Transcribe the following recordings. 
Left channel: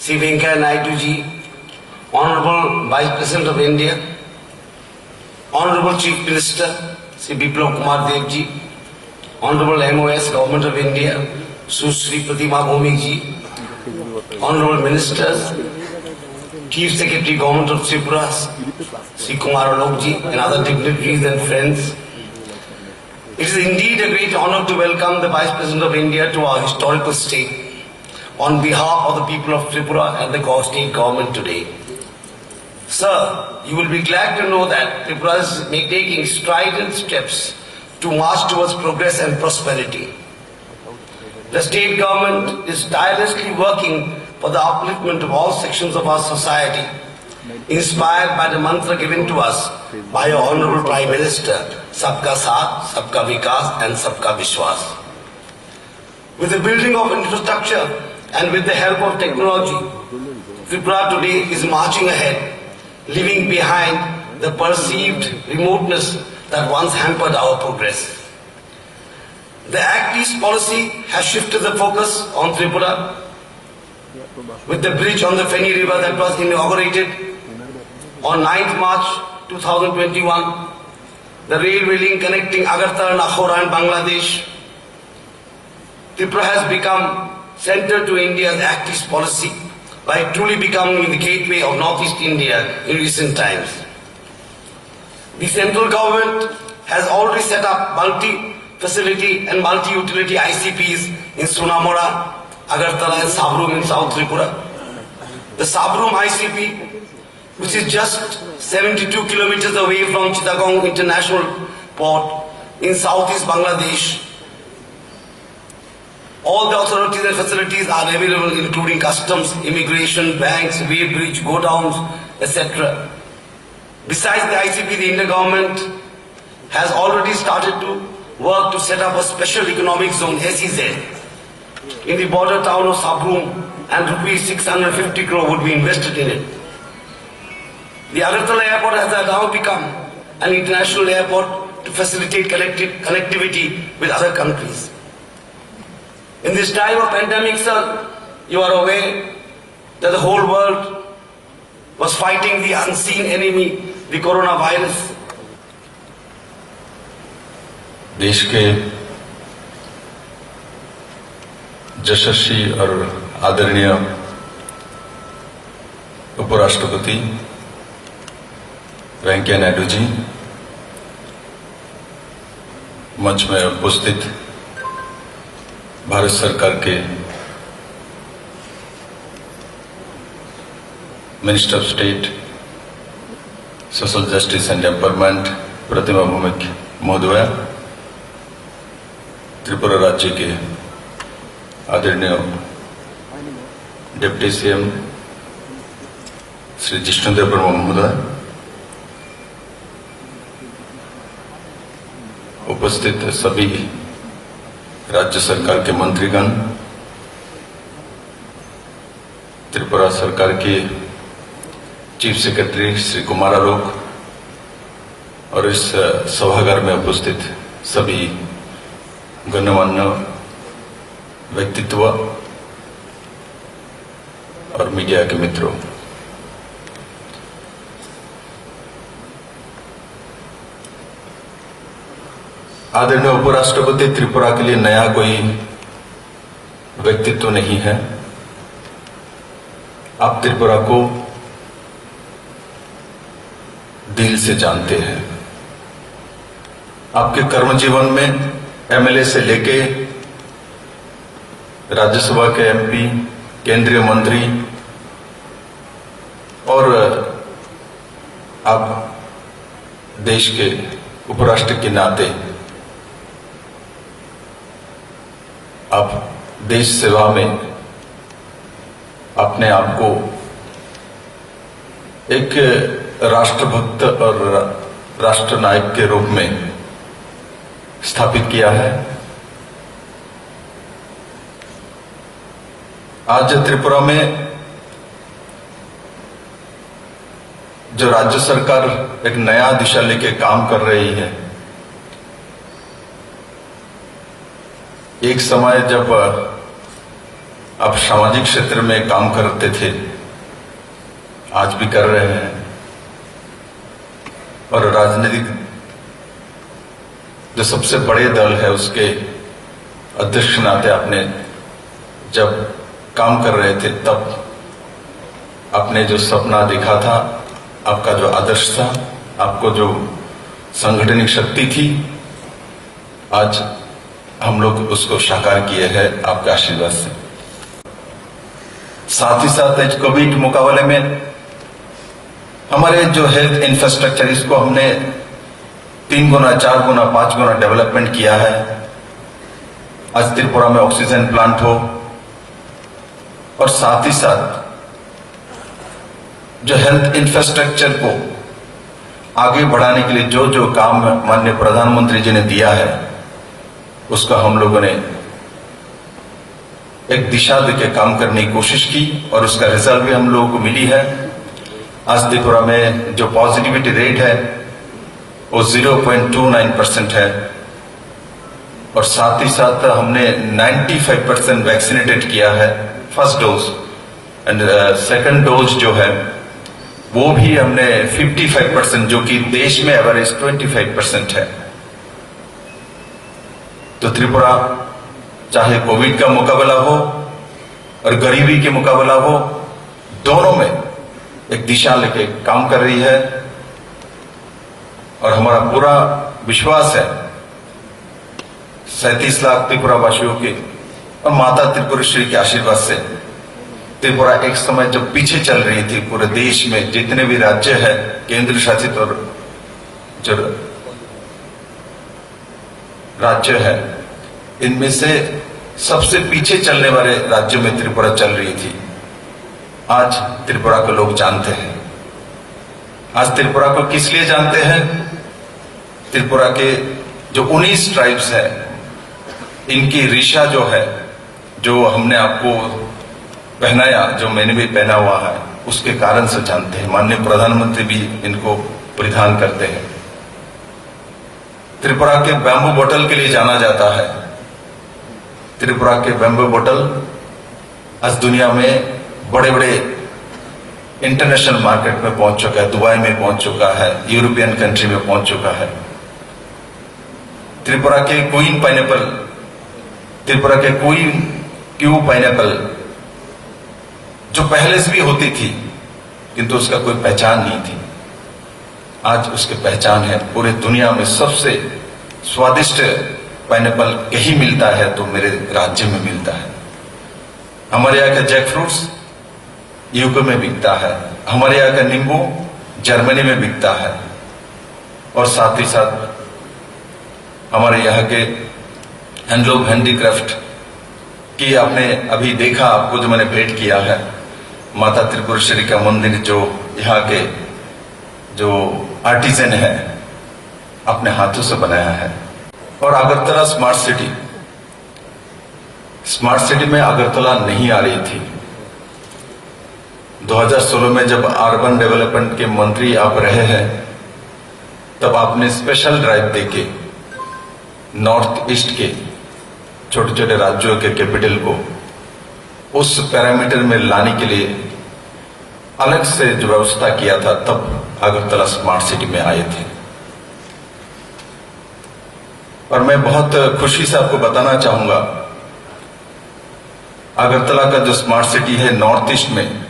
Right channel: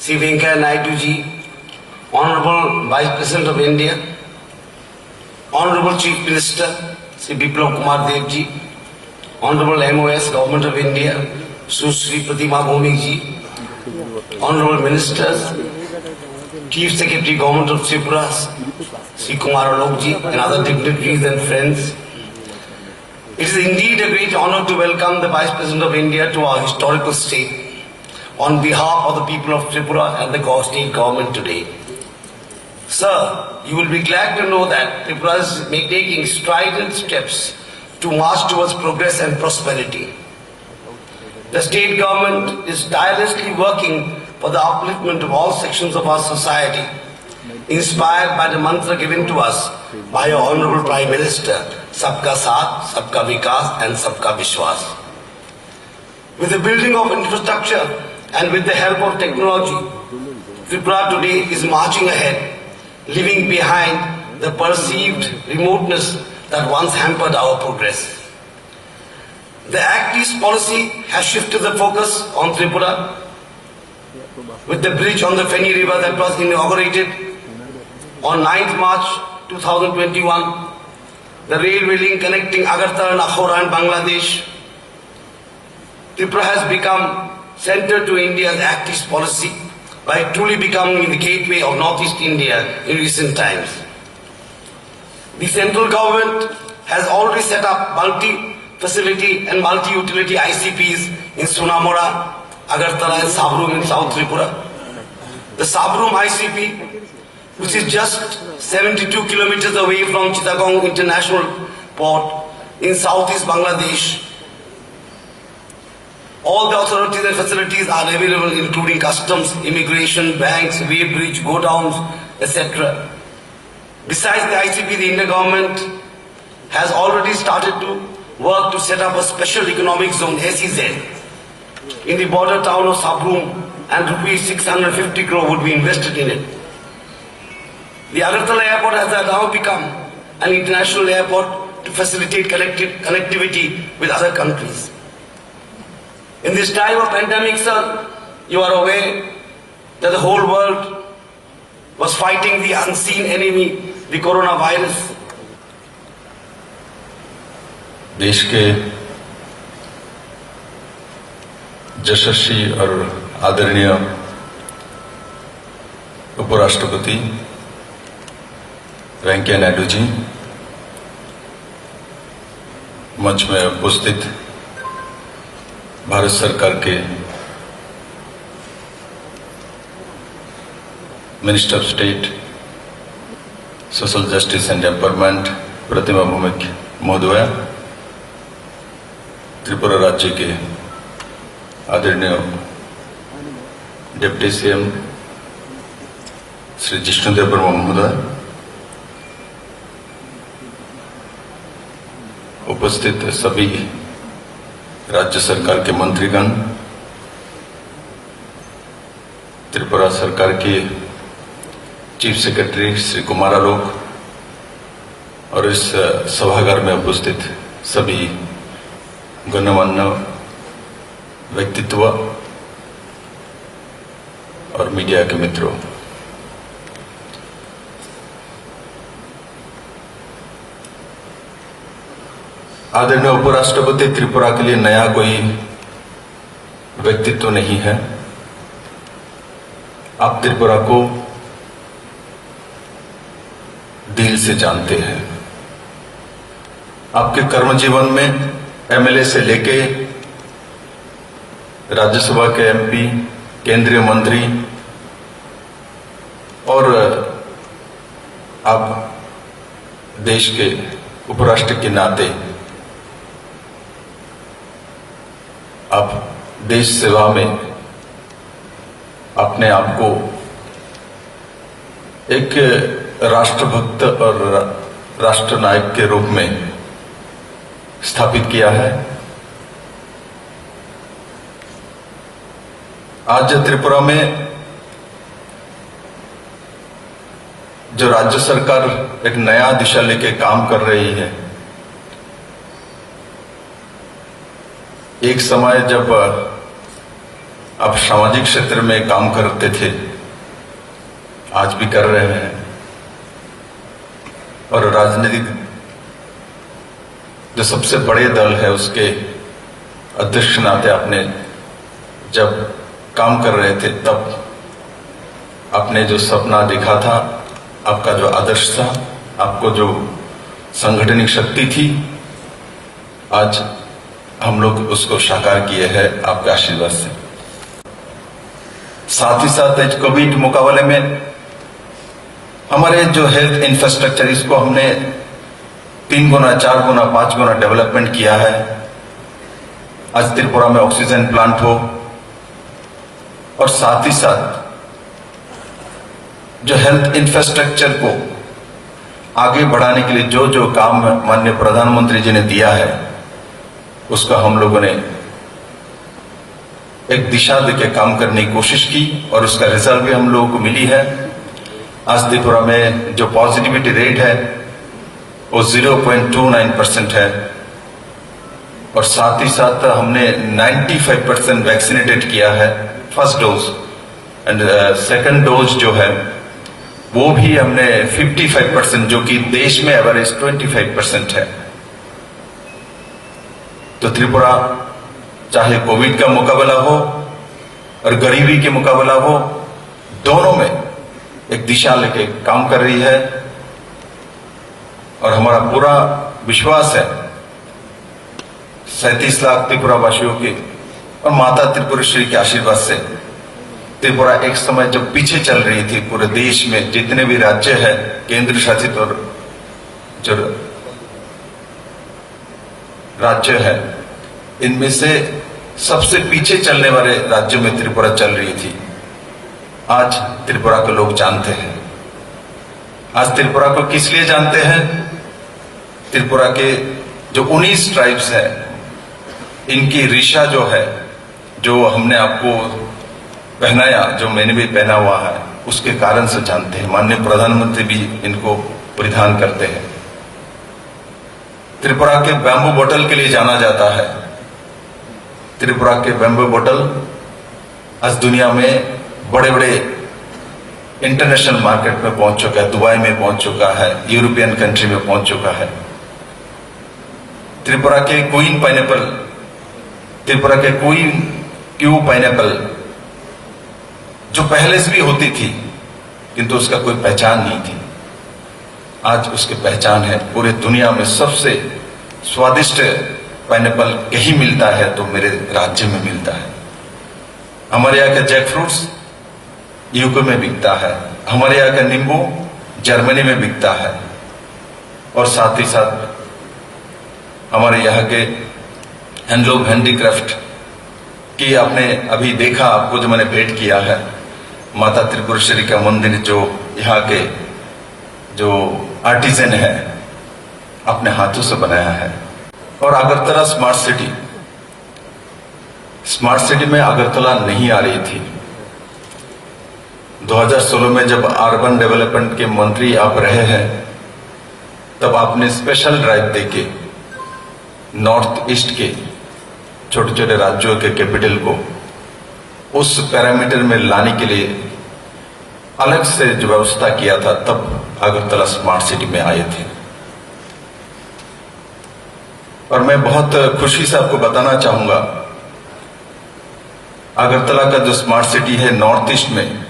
Sri Venkaiah Naidu ji, Honorable Vice President of India, Honorable Chief Minister Sri Biplab Kumar Dev ji, Honorable MOS Government of India, Sri Pratima Bhumik ji, Honorable Ministers, Chief Secretary Government of Tripura, Sri Kumar Alok ji, and other dignitaries and friends. It is indeed a great honor to welcome the Vice President of India to our historical state on behalf of the people of Tripura and the state government today. Sir, you will be glad to know that Tripura is taking strident steps to march towards progress and prosperity. The state government is tirelessly working for the upliftment of all sections of our society, inspired by the mantra given to us by our Honorable Prime Minister, Sabka Saath, Sabka Vikas and Sabka Vishwas. With the building of infrastructure and with the help of technology, Tripura today is marching ahead, leaving behind the perceived remoteness that once hampered our progress. The Act East policy has shifted the focus on Tripura with the bridge on the Feni River that was inaugurated on 9th March 2021, the railway link connecting Agartala, Nakhora and Bangladesh. Tripura has become center to India's Act East policy by truly becoming the gateway of Northeast India in recent times. The central government has already set up multi-facility and multi-utility ICPs in Sunamura, Agartala and Sabroom in South Tripura. The Sabroom ICP, which is just 72 kilometers away from Chittagong International Port in southeast Bangladesh. All the authorities and facilities are available, including customs, immigration, banks, weighbridge, godowns, etc. Besides the ICP, the Indian government has already started to work to set up a special economic zone, SEZ, in the border town of Sabroom, and rupees 650 crore would be invested in it. The Agartala airport has now become an international airport to facilitate connectivity with other countries. In this time of pandemic, sir, you are aware that the whole world was fighting the unseen enemy, the coronavirus. देश के यशस्वी और आदरणीय उपराष्ट्रपति वेंकैया नायडू जी, मंच में उपस्थित भारत सरकार के minister of state social justice and empowerment Pratima Bhowmik महोदया, त्रिपुरा राज्य के आदरणीय डिप्टी सीएम श्री जिष्णुदेव वर्मा महोदय, उपस्थित सभी राज्य सरकार के मंत्रीगण, त्रिपुरा सरकार के चीफ सेक्रेटरी श्री कुमार आलोक और इस सभागार में उपस्थित सभी गण्यमान्य व्यक्तित्व और मीडिया के मित्रों, आदरणीय उपराष्ट्रपति त्रिपुरा के लिए नया कोई व्यक्तित्व नहीं है। आप त्रिपुरा को दिल से जानते हैं। आपके कर्म जीवन में एमएलए से लेके राज्यसभा के एमपी, केंद्रीय मंत्री और आप देश के उपराष्ट्र के नाते आप देश सेवा में अपने आप को एक राष्ट्रभक्त और राष्ट्रनायक के रूप में स्थापित किया है। आज त्रिपुरा में जो राज्य सरकार एक नया दिशा लेके काम कर रही है, एक समय जब आप सामाजिक क्षेत्र में काम करते थे, आज भी कर रहे हैं, और राजनीतिक जो सबसे बड़े दल है उसके अध्यक्ष नाते आपने जब काम कर रहे थे तब आपने जो सपना देखा था, आपका जो आदर्श था, आपको जो संगठनिक शक्ति थी, आज हम लोग उसको साकार किए हैं आपके आशीर्वाद से। साथ ही साथ इस कोविड मुकाबले में हमारे जो हेल्थ इंफ्रास्ट्रक्चर, इसको हमने 3 गुना, 4 गुना, 5 गुना डेवलपमेंट किया है। आज त्रिपुरा में ऑक्सीजन प्लांट हो, और साथ ही साथ जो हेल्थ इंफ्रास्ट्रक्चर को आगे बढ़ाने के लिए जो जो काम माननीय प्रधानमंत्री जी ने दिया है, उसका हम लोगों ने एक दिशा देके काम करने की कोशिश की, और उसका रिजल्ट भी हम लोगों को मिली है। आज त्रिपुरा में जो पॉजिटिविटी रेट है वो 0.29% है, और साथ ही साथ हमने 95% वैक्सीनेटेड किया है first dose, and second dose जो है वो भी हमने 55%, जो कि देश में एवरेज 25% है। तो त्रिपुरा चाहे कोविड का मुकाबला हो और गरीबी के मुकाबला हो, दोनों में एक दिशा लेके काम कर रही है, और हमारा पूरा विश्वास है 37 लाख त्रिपुरा वासियों के और माता त्रिपुरेश्वरी के आशीर्वाद से त्रिपुरा एक समय जब पीछे चल रही थी, पूरे देश में जितने भी राज्य है, केंद्र शासित और जो राज्य है, इनमें से सबसे पीछे चलने वाले राज्यों में त्रिपुरा चल रही थी। आज त्रिपुरा को लोग जानते हैं। आज त्रिपुरा को किस लिए जानते हैं? त्रिपुरा के जो 19 ट्राइब्स है, इनकी ऋषा जो है, जो हमने आपको पहनाया, जो मैंने भी पहना हुआ है, उसके कारण से जानते हैं। माननीय प्रधानमंत्री भी इनको परिधान करते हैं। त्रिपुरा के बैम्बू बोतल के लिए जाना जाता है। त्रिपुरा के बैम्बू बोतल आज दुनिया में बड़े बड़े इंटरनेशनल मार्केट में पहुंच चुका है, दुबई में पहुंच चुका है, यूरोपियन कंट्री में पहुंच चुका है। त्रिपुरा के क्वीन पाइनएप्पल, त्रिपुरा के क्वीन क्यू पाइनएप्पल, जो पहले से भी होती थी किंतु उसका कोई पहचान नहीं थी, आज उसकी पहचान है। पूरे दुनिया में सबसे स्वादिष्ट पाइनएप्पल कहीं मिलता है तो मेरे राज्य में मिलता है। हमारे यहाँ का जैक फ्रूट्स यूके में बिकता है, हमारे यहाँ का नींबू जर्मनी में बिकता है, और साथ ही साथ हमारे यहाँ के हैंडलूम हैंडीक्राफ्ट की आपने अभी देखा, आपको जो मैंने भेंट किया है, माता त्रिपुरेश्वरी का मंदिर जो यहाँ के जो आर्टिजन है अपने हाथों से बनाया है। और Agartala smart city, smart city में अगरतला नहीं आ रही थी। 2016 में जब अर्बन डेवलपमेंट के मंत्री आप रहे हैं, तब आपने स्पेशल ड्राइव देके नॉर्थ ईस्ट के छोटे छोटे राज्यों के कैपिटल को उस पैरामीटर में लाने के लिए अलग से जो व्यवस्था किया था, तब अगरतला स्मार्ट सिटी में आए थे। और मैं बहुत खुशी से आपको बताना चाहूंगा, अगरतला का जो स्मार्ट सिटी है नॉर्थ ईस्ट में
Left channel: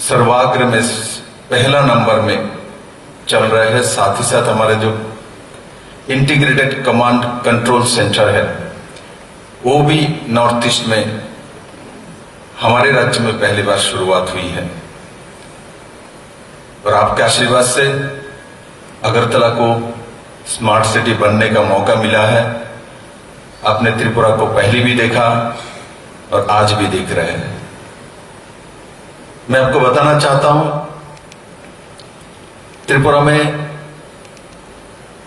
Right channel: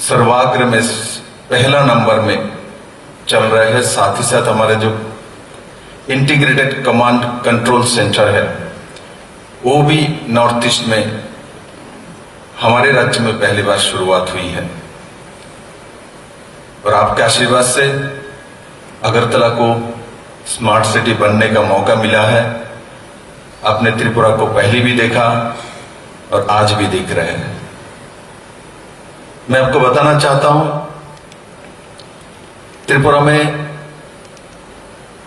सर्वाग्र में पहला नंबर में चल रहे हैं। साथ ही साथ हमारे जो इंटीग्रेटेड कमांड कंट्रोल सेंटर है वो भी नॉर्थ ईस्ट में हमारे राज्य में पहली बार शुरुआत हुई है। और आपके आशीर्वाद से अगरतला को स्मार्ट सिटी बनने का मौका मिला है। आपने त्रिपुरा को पहले भी देखा और आज भी देख रहे हैं। मैं आपको बताना चाहता हूं, त्रिपुरा में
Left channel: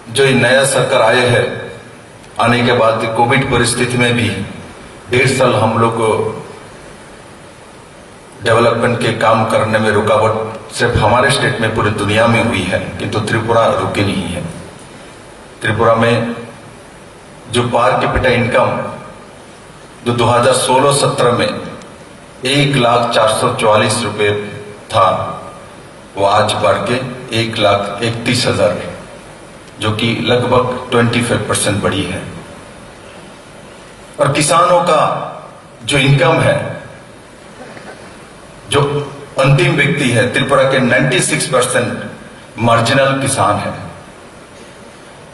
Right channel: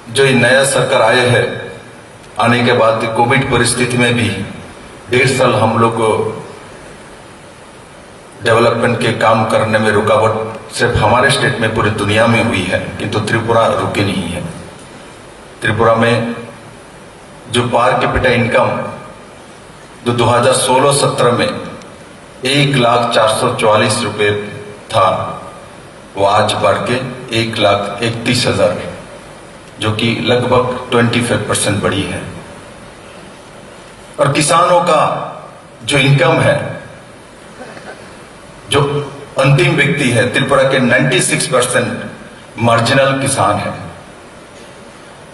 जो ये नया सरकार आए है, आने के बाद कोविड परिस्थिति में भी 1.5 साल हम लोग को डेवलपमेंट के काम करने में रुकावट सिर्फ हमारे स्टेट में पूरी दुनिया में हुई है, किंतु त्रिपुरा रुके नहीं है। त्रिपुरा में जो पर कैपिटा इनकम जो 2016-17 में 1,04,44 रुपए था, वो आज बढ़ के 1,31,000, जो कि लगभग 25% बढ़ी है। और किसानों का जो इनकम है, जो अंतिम व्यक्ति है, त्रिपुरा के 96% मार्जिनल किसान है,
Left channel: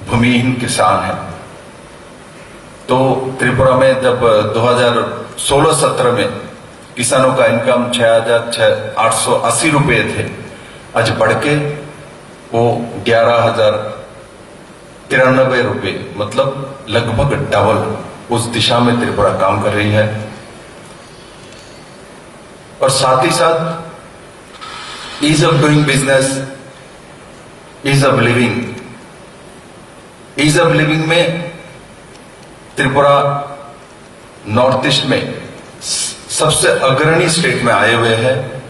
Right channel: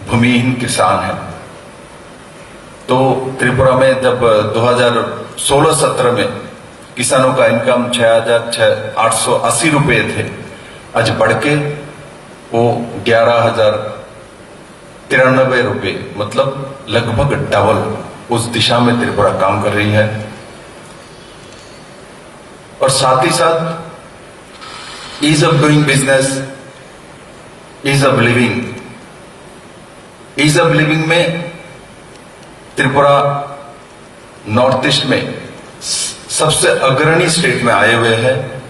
भूमिहीन किसान है। तो त्रिपुरा में जब 2016-17 में किसानों का इनकम 6,880 रुपए थे, आज बढ़ के वो 11,093 रुपए, मतलब लगभग डबल उस दिशा में त्रिपुरा काम कर रही है। और साथ ही साथ ease of doing business, ease of living में त्रिपुरा नॉर्थ ईस्ट में सबसे अग्रणी स्टेट में आए हुए हैं।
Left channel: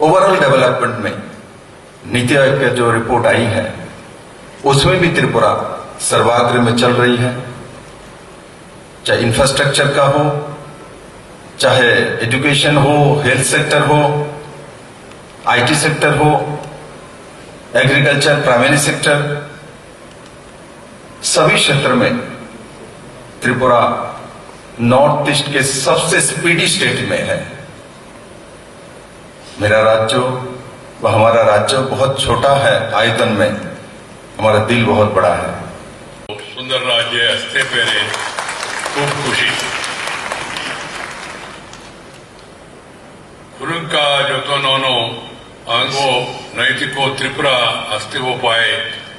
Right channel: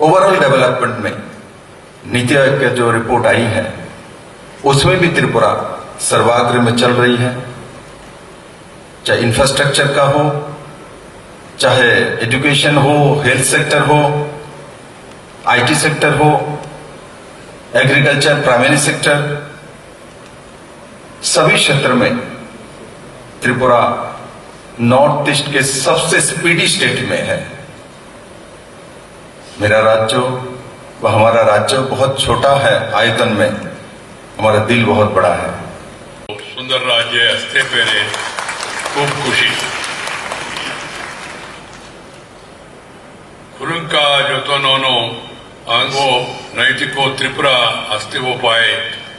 ओवरऑल डेवलपमेंट में नीति आयोग की जो रिपोर्ट आई है, उसमें भी त्रिपुरा सर्वाग्र में चल रही है, चाहे इंफ्रास्ट्रक्चर का हो, चाहे एजुकेशन हो, हेल्थ सेक्टर हो, आईटी सेक्टर हो, एग्रीकल्चर, प्राइमरी सेक्टर, सभी क्षेत्र में त्रिपुरा नॉर्थ ईस्ट के सबसे स्पीडी स्टेट में है। मेरा राज्य व हमारा राज्य बहुत छोटा है आयतन में, हमारा दिल बहुत बड़ा है। सुंदर राज्य हस्ते पेरे खूब खुशी कुरुंका जोतोनोनो आंगो नैतिको त्रिपुरा अस्तिवो पाए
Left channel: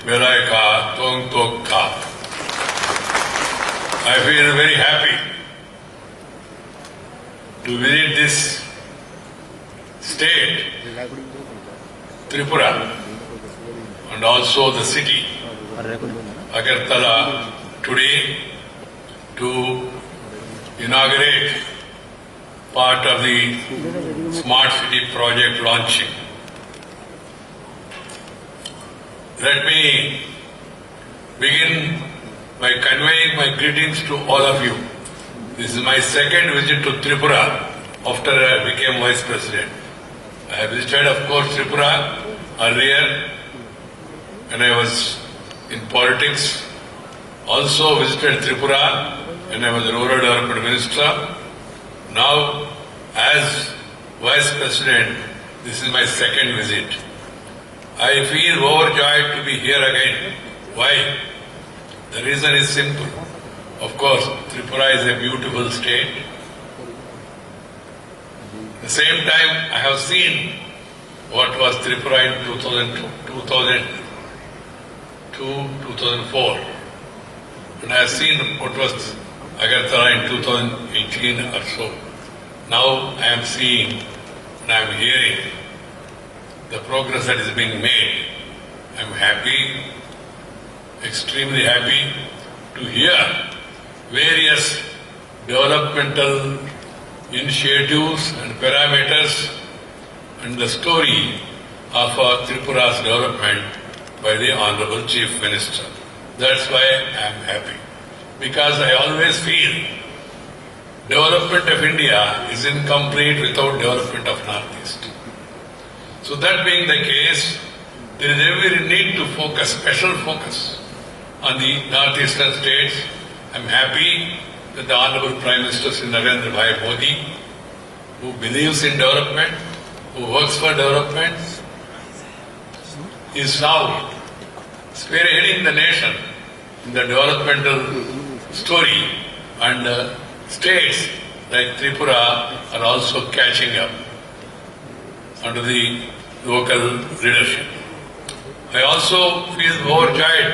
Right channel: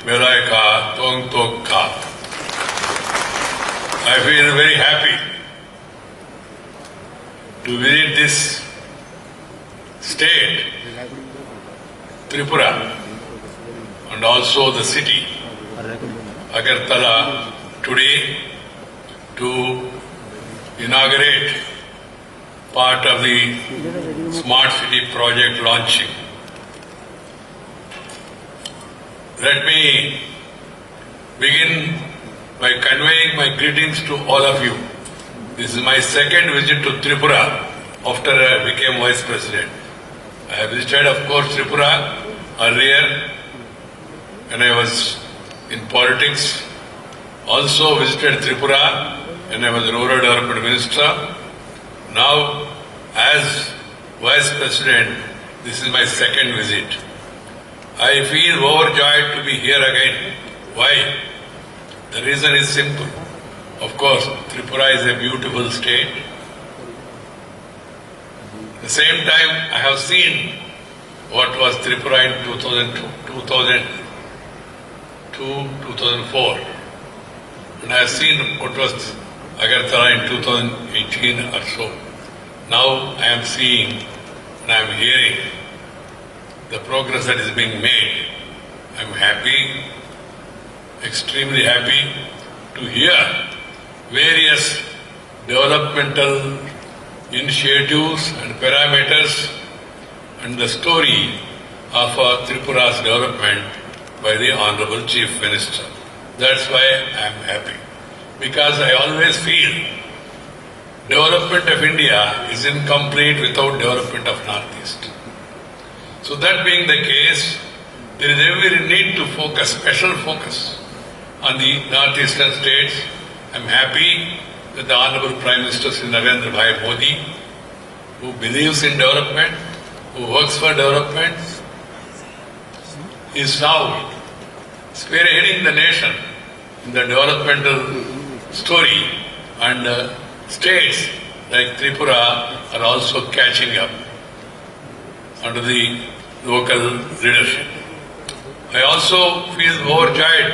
मेलाय का तोंग तोग का। I feel very happy to visit this state, Tripura, and also the city, Agartala, today to inaugurate part of the Smart City project launching. Let me begin by conveying my greetings to all of you. This is my second visit to Tripura after I became Vice President. I have visited, of course, Tripura earlier when I was in politics. Also visited Tripura when I was Rural Development Minister. Now, as Vice President, this is my second visit. I feel overjoyed to be here again. Why? The reason is simple. Of course, Tripura is a beautiful state. At the same time, I have seen what was Tripura in 2002-2004. And I have seen what was Agartala in 2018 or so. Now I am seeing and I am hearing the progress that is being made. I am happy, extremely happy to hear various developmental initiatives and parameters and the story of Tripura's development by the Honorable Chief Minister. That's why I am happy. Because I always feel development of India is incomplete without development of Northeast. So that being the case, there is every need to focus, special focus on the northeastern states. I am happy that the Honorable Prime Minister Sri Narendra Bhai Modi, who believes in development, who works for development, is now spearheading the nation in the developmental story, and states like Tripura are also catching up under the local leadership. I also feel overjoyed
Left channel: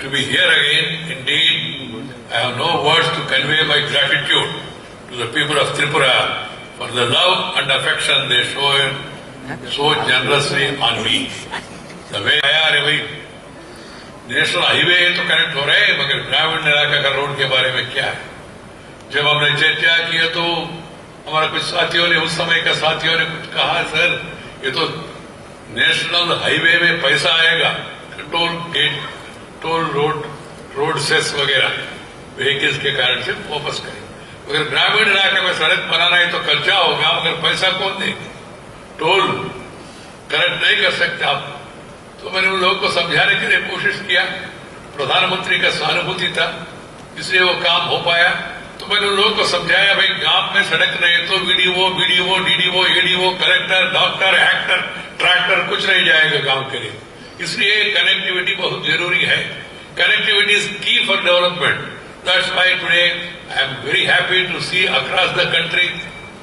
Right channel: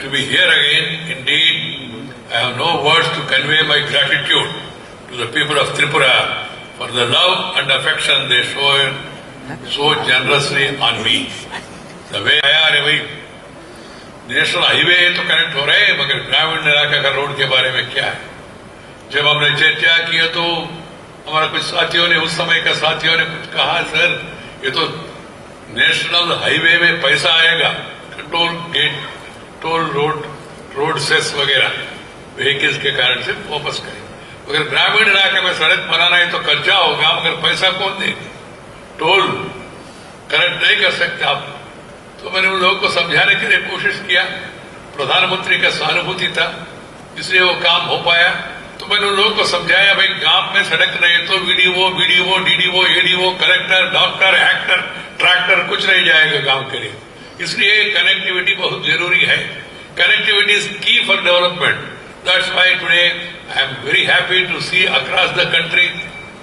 to be here again. Indeed, I have no words to convey my gratitude to the people of Tripura for the love and affection they show so generously on me. The way I are national highway तो connect हो रहे हैं, मगर ग्रामीण इलाका का road के बारे में क्या है? जब हमने चर्चा किया तो हमारा कुछ साथियों ने, उस समय का साथियों ने कुछ कहा, सर ये तो नेशनल हाईवे में पैसा आएगा, toll gate, toll road cess वगैरह व्हीकल्स के कारण से वापस करें। अगर ग्रामीण इलाके में सड़क बनाना है तो खर्चा होगा, मगर पैसा कौन देगा? टोल कलेक्ट नहीं कर सकते आप। तो मैंने उन लोगों को समझाने के लिए कोशिश किया, प्रधानमंत्री का सहानुभूति था इसलिए वो काम हो पाया। तो मैंने उन लोगों को समझाया, भाई गांव में सड़क नहीं तो video DDO ADO collector doctor actor tractor कुछ नहीं जाएगा गांव के लिए। इसलिए कनेक्टिविटी बहुत जरूरी है। Connectivity is key for development. That's why today I am very happy to see across the country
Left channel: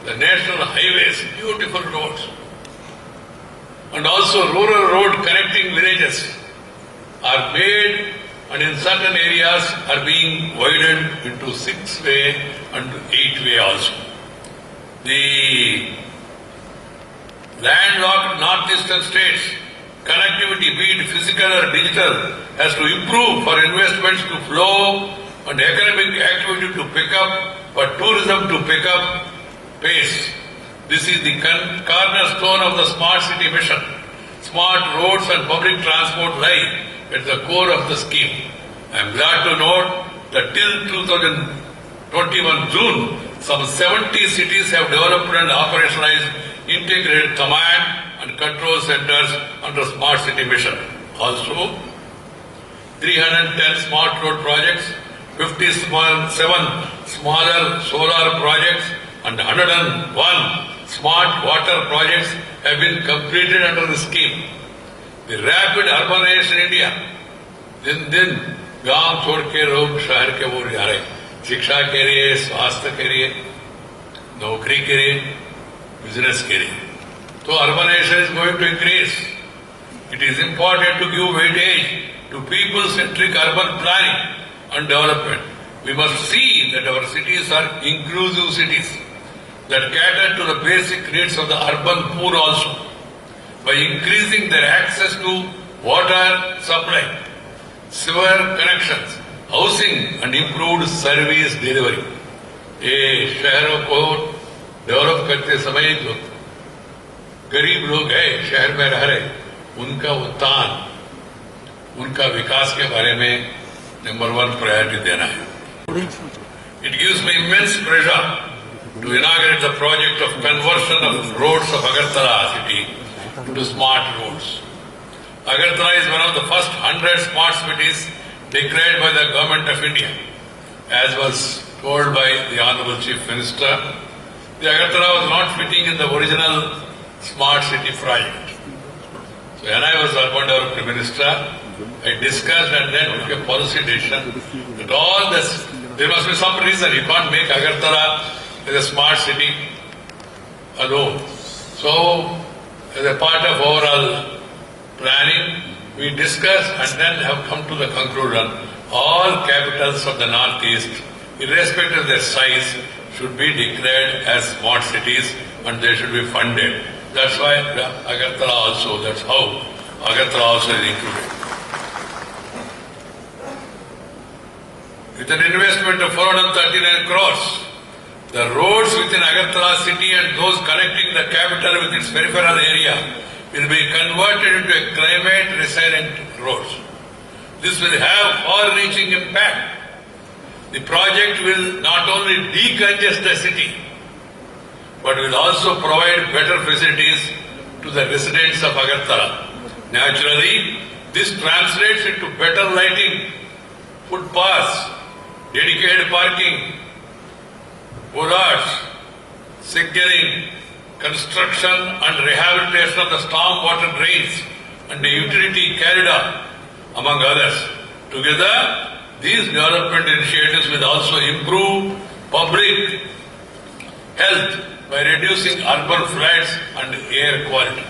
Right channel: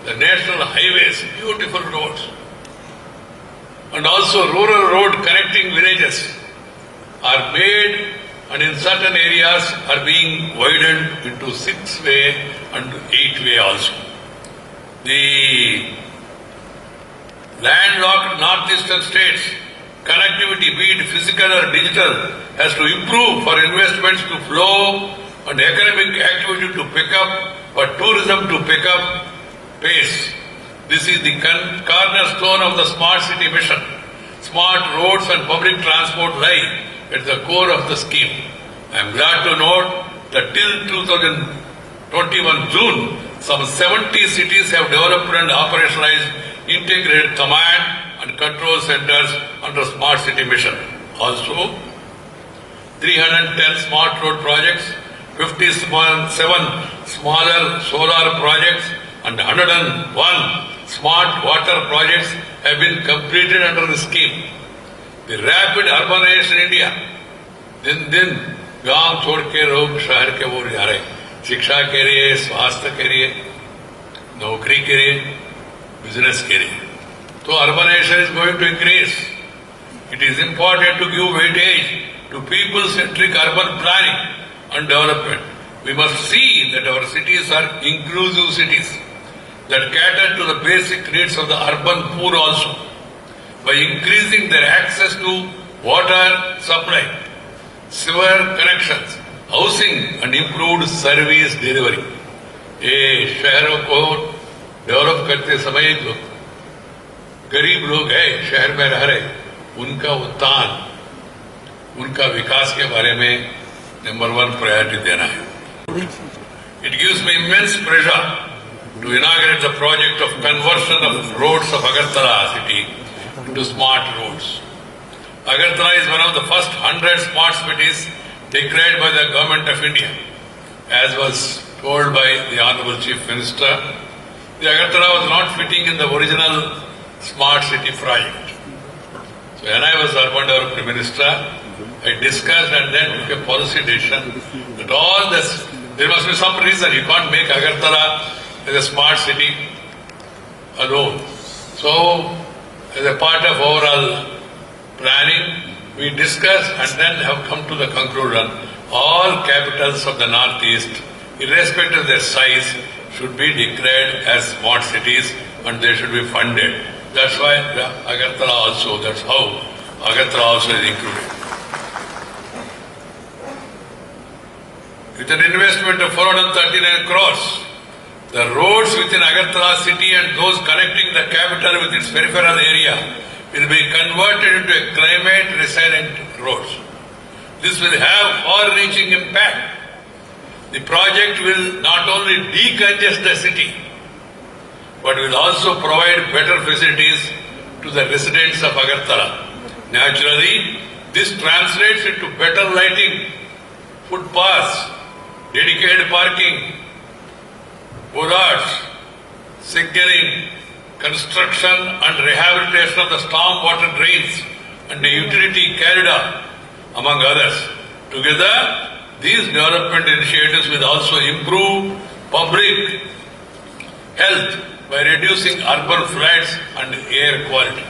the national highways, beautiful roads, and also rural road connecting villages are made, and in certain areas are being widened into 6-way and 8-way also. The landlocked northeastern states connectivity, be it physical or digital, has to improve for investments to flow and economic activity to pick up, for tourism to pick up pace. This is the cornerstone of the Smart City Mission. Smart roads and public transport lie at the core of the scheme. I am glad to note that till 2021 June, some 70 cities have developed and operationalized integrated command and control centers under Smart City Mission. Also, 310 smart road projects, 57 smaller solar projects, and 101 smart water projects have been completed under the scheme. The rapid urbanization in India, दिन दिन गांव छोड़ के लोग शहर के ओर जा रहे, शिक्षा के लिए, स्वास्थ्य के लिए, नौकरी के लिए, बिजनेस के लिए। तो urbanization is going to increase. It is important to give weightage to people-centric urban planning and development. We must see that our cities are inclusive cities that cater to the basic needs of the urban poor also, by increasing their access to water supply, sewer connections, housing and improved service delivery. ये शहरों को develop करते समय जो गरीब लोग हैं शहर में रह रहे, उनका उत्थान, उनका विकास के बारे में नंबर 1 प्रायोरिटी देना है। It gives me immense pleasure to inaugurate the project of conversion of roads of Agartala city into smart roads. Agartala is one of the first 100 smart cities declared by the Government of India. As was told by the Honorable Chief Minister, the Agartala was not fitting in the original smart city project. So when I was Urban Development Minister, I discussed and then took a policy decision that all this, there must be some reason. You can't make Agartala as a smart city alone. So, as a part of overall planning, we discussed and then have come to the conclusion, all capitals of the Northeast, irrespective of their size, should be declared as smart cities and they should be funded. That's why Agartala also, that's how Agartala also is included. With an investment of 439 crores, the roads within Agartala city and those connecting the capital with its peripheral area will be converted into a climate resilient roads. This will have far-reaching impact. The project will not only decongest the city, but will also provide better facilities to the residents of Agartala. Naturally, this translates into better lighting, footpaths, dedicated parking, bollards, signaling, construction and rehabilitation of the stormwater drains and the utility corridor, among others. Together, these development initiatives will also improve public health by reducing urban floods and air quality.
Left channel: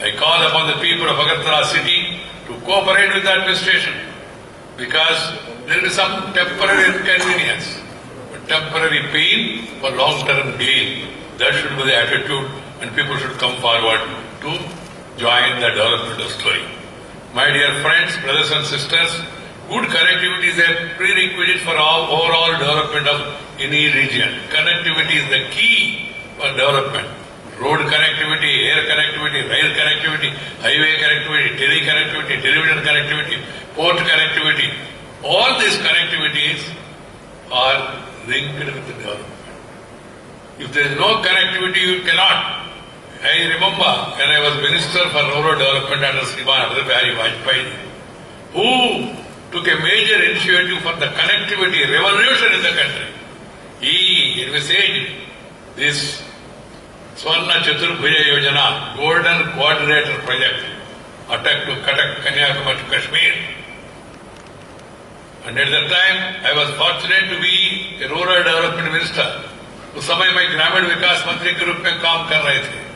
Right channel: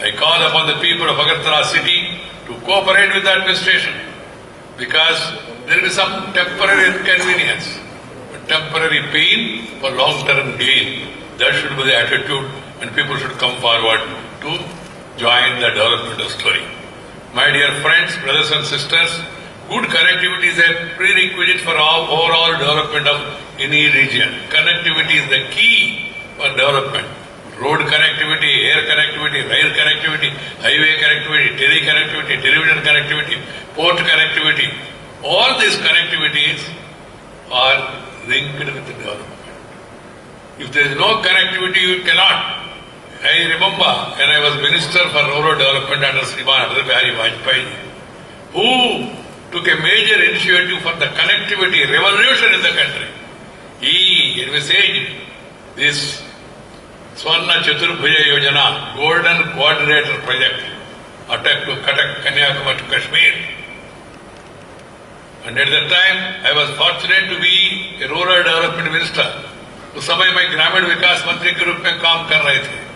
I call upon the people of Agartala city to cooperate with the administration because there will be some temporary inconvenience, but temporary pain for long-term gain. That should be the attitude and people should come forward to join the development of story. My dear friends, brothers and sisters, good connectivity is a prerequisite for overall development of any region. Connectivity is the key for development. Road connectivity, air connectivity, rail connectivity, highway connectivity, tele connectivity, television connectivity, port connectivity. All these connectivities are linked with the development. If there is no connectivity, you cannot. I remember when I was Minister for Rural Development under Sriman Atal Bihari Vajpayee, who took a major initiative for the connectivity revolution in the country. He envisaged this Swarna Chaturbhuja Yojana, Golden Quadrilateral Project, attack to Cuttack, Kanyakumari to Kashmir. And at that time, I was fortunate to be a rural development minister. उस समय मैं ग्रामीण विकास मंत्री के रूप में काम कर रहे थे.